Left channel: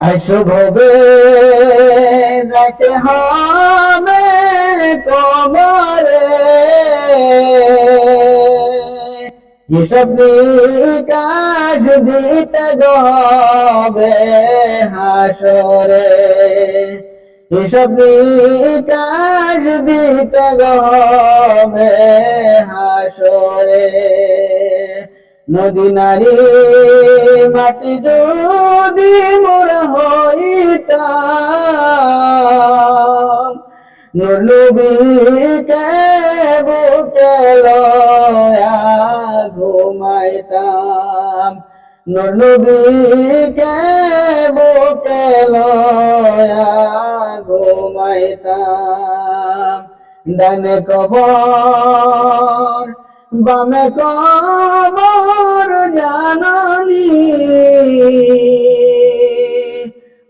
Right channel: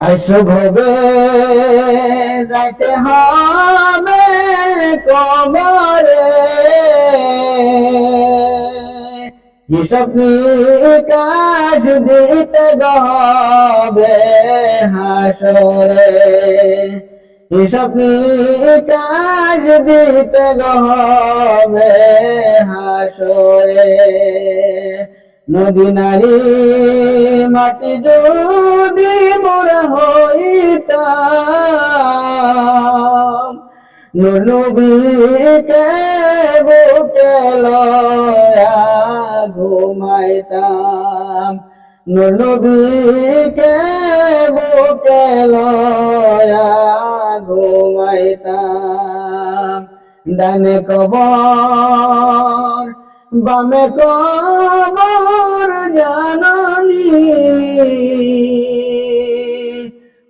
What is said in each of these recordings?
আসভবে যাইতে হবে কবরে হিসব কাজ দিতে গবে হাসরে। হিসব কাজ দিতে গবে হাসরে। নদী নারী মাটি যদি মোরা হইতাম নূর নবীকে বুকে লয়া ঘুমাইতাম নূর নবীকে বুকে লয়া ঘুমাইতাম। ডানে কবর, বামে কবর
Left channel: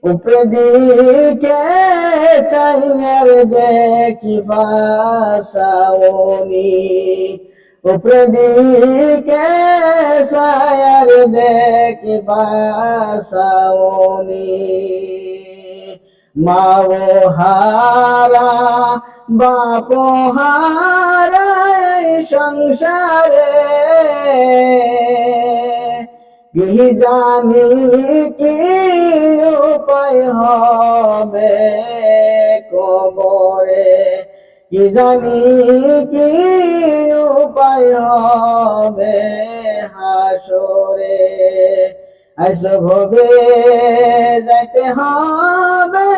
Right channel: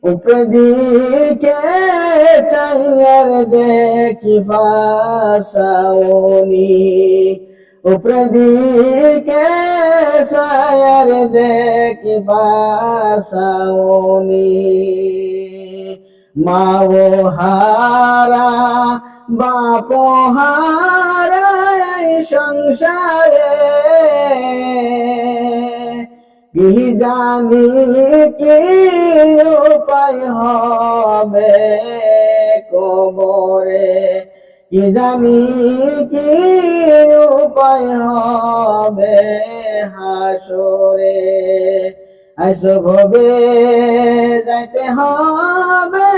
উপরে দিকে চাইয়ার দেখি ফাসাওনি উপরে দিকে সায়ার দেখি ফাসাওনি মাও হারা বাপ হারা সংসারে। কি জানি কি উপায় হবে কবরে কি জানি কি উপায় হবে হাসরে? আসো ভবে যাইতে হবে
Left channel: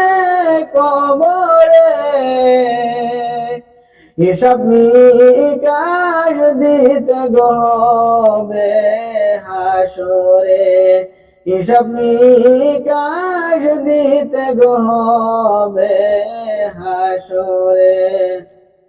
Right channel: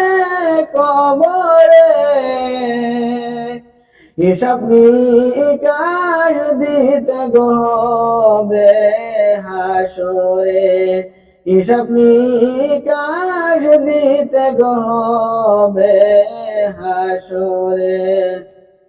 কবরে হিসাব কাজ দিতে গবে হাসরে হিসাব নিকাশ দিতে গবে হাসরে।